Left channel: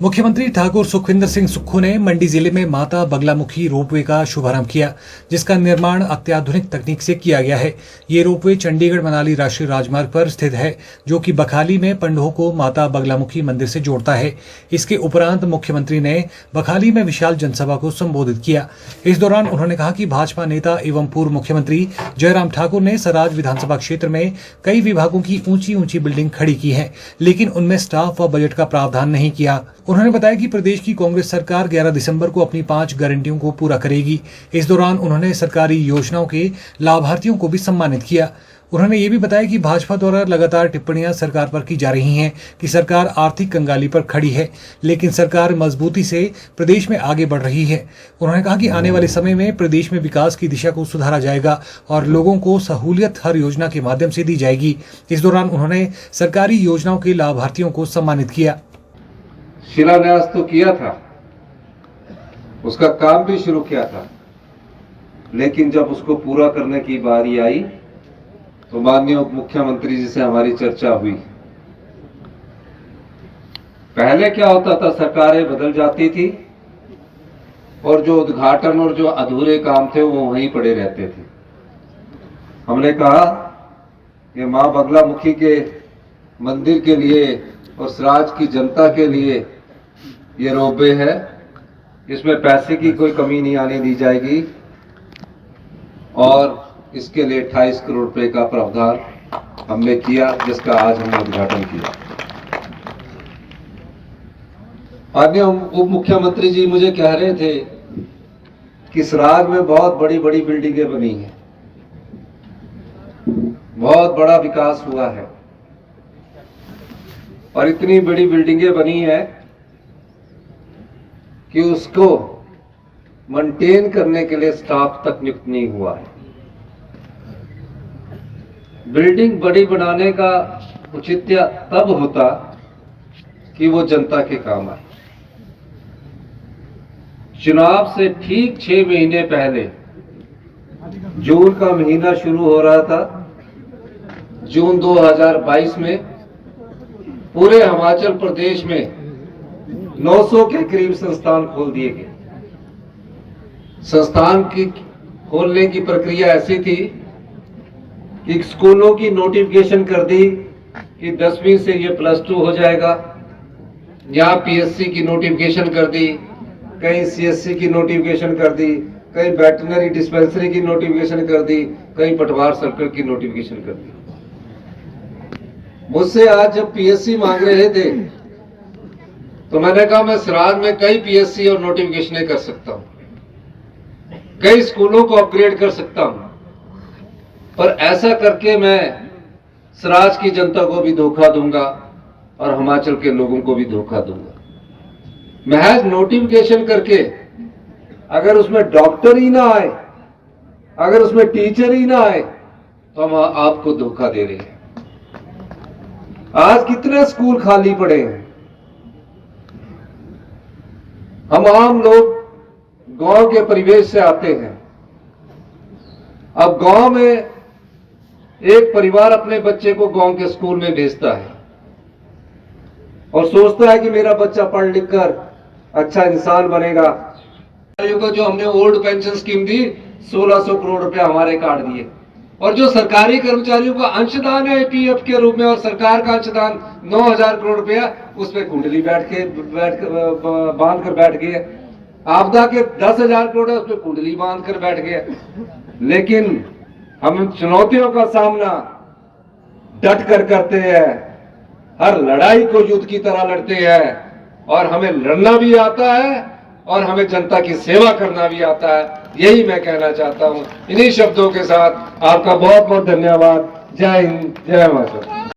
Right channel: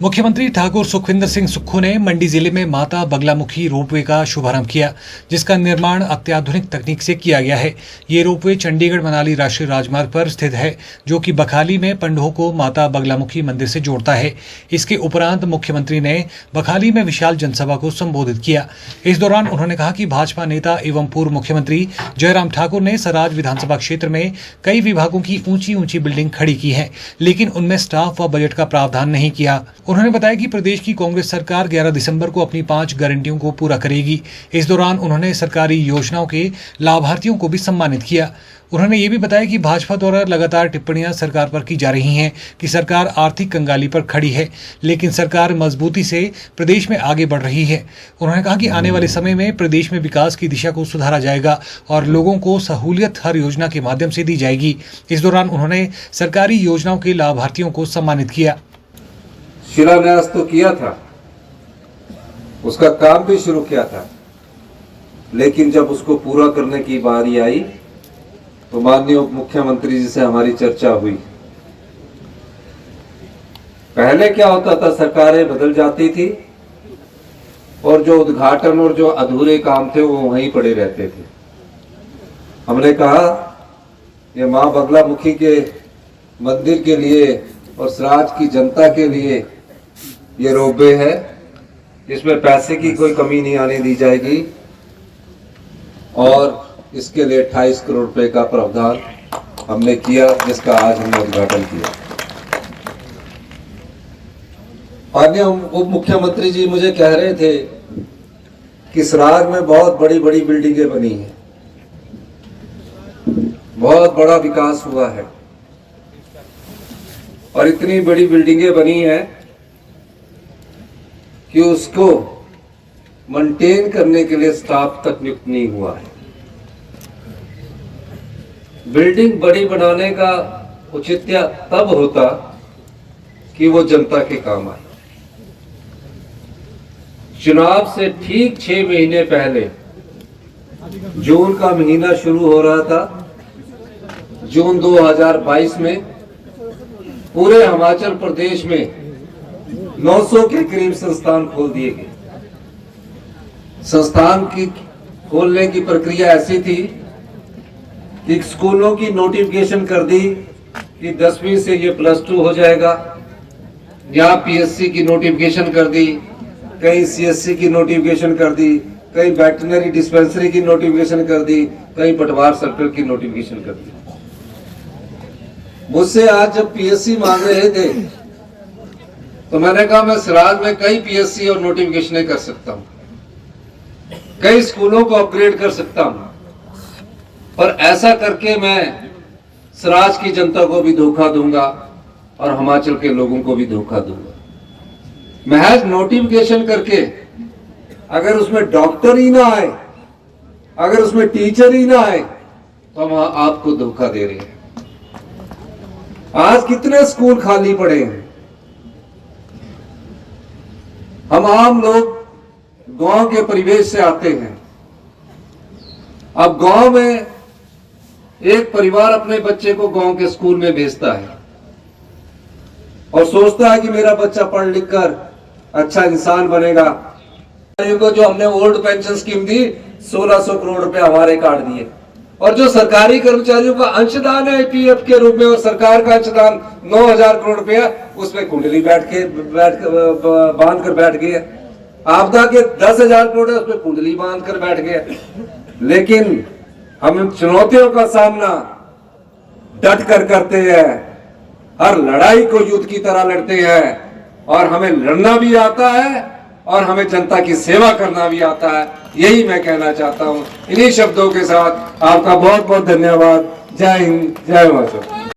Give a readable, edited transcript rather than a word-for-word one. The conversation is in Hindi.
मुख्यमंत्री ठाकुर सुखविंदर सिंह सुक्खू ने मंडी जिले में माता बगलामुखी रोपवे का शुभारंभ किया, जिसका निर्माण अत्याधुनिक तकनीक से किया गया है। ये रोपवे चंडीगढ़ मनाली राष्ट्रीय राजमार्ग पर स्थित है, जो कि बखाली में पंडोह को माता बगलामुखी मंदिर से जोड़ता है। इसके उपरांत मुख्यमंत्री ने बखाली में विशाल जनसभा को संबोधित किया। इस दौरान उन्होंने कहा कि भाजपा नेता एवं पूर्व मुख्यमंत्री जयराम ठाकुर ने सराज विधानसभा क्षेत्र में कई विभागों की ऊंची बिल्डिंग खड़ी की है, लेकिन उनमें स्टाफ व बजट का प्रावधान नहीं किया। उन्होंने बताया कि प्रदेश की कांग्रेस सरकार 11 दिसंबर को अपनी 5 गारंटियों को पूरा करेगी। इस दौरान उन्होंने सरकारी योजनाओं के लाभार्थियों को भी सम्मानित किया। उन्होंने ये भी बताया कि भाजपा द्वारा लगातार टिप्पणियां सरकार पर की जा रही हैं कि सरकार आर्थिक कंगाली पर खड़ी है, लेकिन सरकार मजबूती से प्रदेश में आगे बढ़ रही है। उन्होंने कहा कि आने वाले समय में प्रदेश में विकास की दिशा को सुधारा जाएगा और लोगों को सहूलियत हर योजना के माध्यम से दी जाएगी। इस दौरान उन्होंने सरकारी योजनाओं के लाभार्थियों को सम्मानित किया। शिलान्यास तो किया था, उसका काम भी शुरू किया था, लेकिन जब उसको पूरा करने की बारी आई तो माननीय उप मुख्यमंत्री जी से हमारी चर्चा हुई। पहले क्या होता था, सरकारें बदल जाती थी और जो उद्घाटन और जो अधूरे काम थे वो वहीं पड़े रहते थे। हमने कहा ये मां बगलामुखी के मंदिर के लिए और सराज की जनता के लिए ये रोपवे है, इसमें पैसे की कोई कमी नहीं आने दी जाएगी और इसके लिए 28 करोड़ रुपए का प्रावधान हमने किया, जिसका आज हमने उद्घाटन किया। माननीय उप मुख्यमंत्री जी मुझे कह रहे थे कि सराज में बहुत बड़ी बड़ी बिल्डिंगें बनी हैं, बहुत बड़ा विकास हुआ है और इतनी बड़ी बिल्डिंगें बनी हैं कि उसको मेंटेन करने के लिए स्टाफ तक नियुक्त नहीं हुआ है। बिल्डिंग बड़ी बनाने का औचित्य तब होता कि वो जनता के काम आए। चुनाव से ठीक 6 महीने पहले जून का महीना शुरू हो रहा था। जून 2022 में पूरे हिमाचल प्रदेश में 900 के करीब संस्थान खोल दिए गए। संस्थान की खोलने की प्रक्रिया ऐसी थी कि स्कूलों की नोटिफिकेशन कर दी कि 10वीं से ये +2 हो जाएगा, यहाँ पीएससी की नोटिफिकेशन कर दी, कहीं सीएससी की नोटिफिकेशन कर दी, कहीं वेटरनरी डिस्पेंसरी की नोटिफिकेशन कर दी, कहीं पटवार सर्कल की नोटिफिकेशन कर दी। मुझसे आज जब पीएससी मांग रहे थे तो मैंने कहा मैं सराज में कई पीएससी और नोटिफिकेशन कर सकता हूं, कई स्कूलों को अपग्रेड कर सकता हूं, पर ऐसा करके मैं सराज की जनता को भी धोखा दूंगा और हिमाचल के लोगों को भी धोखा दूंगा। महज नोटिफिकेशन करके अगर उसमें डॉक्टर ही ना आए, अगर उसमें टीचर ही ना आए, तो हम आपको धोखा दे रहे हैं। आज कितने स्कूल खाली पड़े हैं। हम आम लोग गांव के परिवेश से आते हैं। अब गांव में एक परिवार अपने बच्चे को गांव के स्कूल में भेजता है और सोचता है कि मेरा बच्चा पढ़ लिख कर अच्छा इंसान बनेगा। जो हमने ओल्ड पेंशन स्कीम दी, 1600 करोड़ रुपए हमारे काट दिए और जो सरकारी कर्मचारियों का अंशदान है पीएफ के रूप में और सरकार का अंशदान 9000 करोड़ रुपया, उसमें कुंडली बांध कर बैठ गए। आपदा के 10,000 करोड़ है, उसमें कुंडली बांध कर बैठ गए। लेकिन हम चुनौतियों का सामना डट कर करते हैं, हर लड़ाई को युद्ध की तरह लड़ते हैं और हमें लड़ना भी आता है और हमें जनता की सेवा करना भी आता है। यही मैं कहना चाहता हूं। इन्हीं शब्दों के साथ आपका बहुत बहुत धन्यवाद। जय हिंद, जय हिमाचल।